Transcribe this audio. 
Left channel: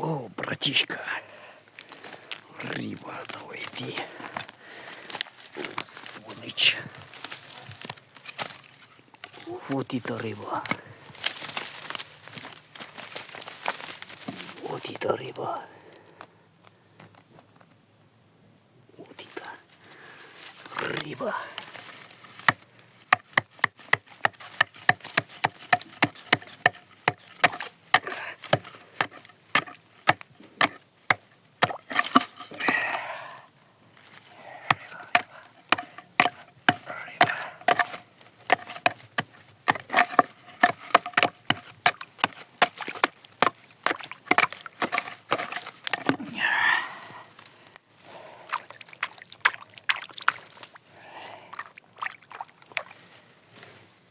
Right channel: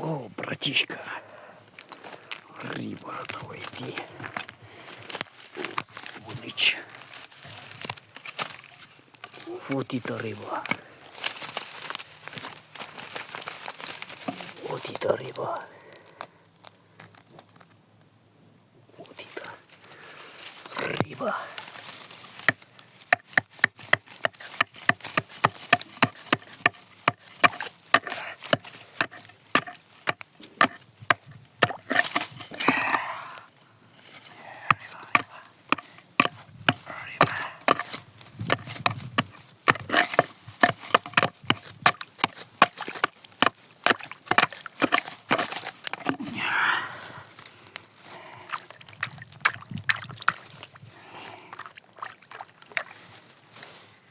О, братишка. Риба, давай иди. О, сволочь. Вот это рыба. Вот это рыба. Вот это рыба.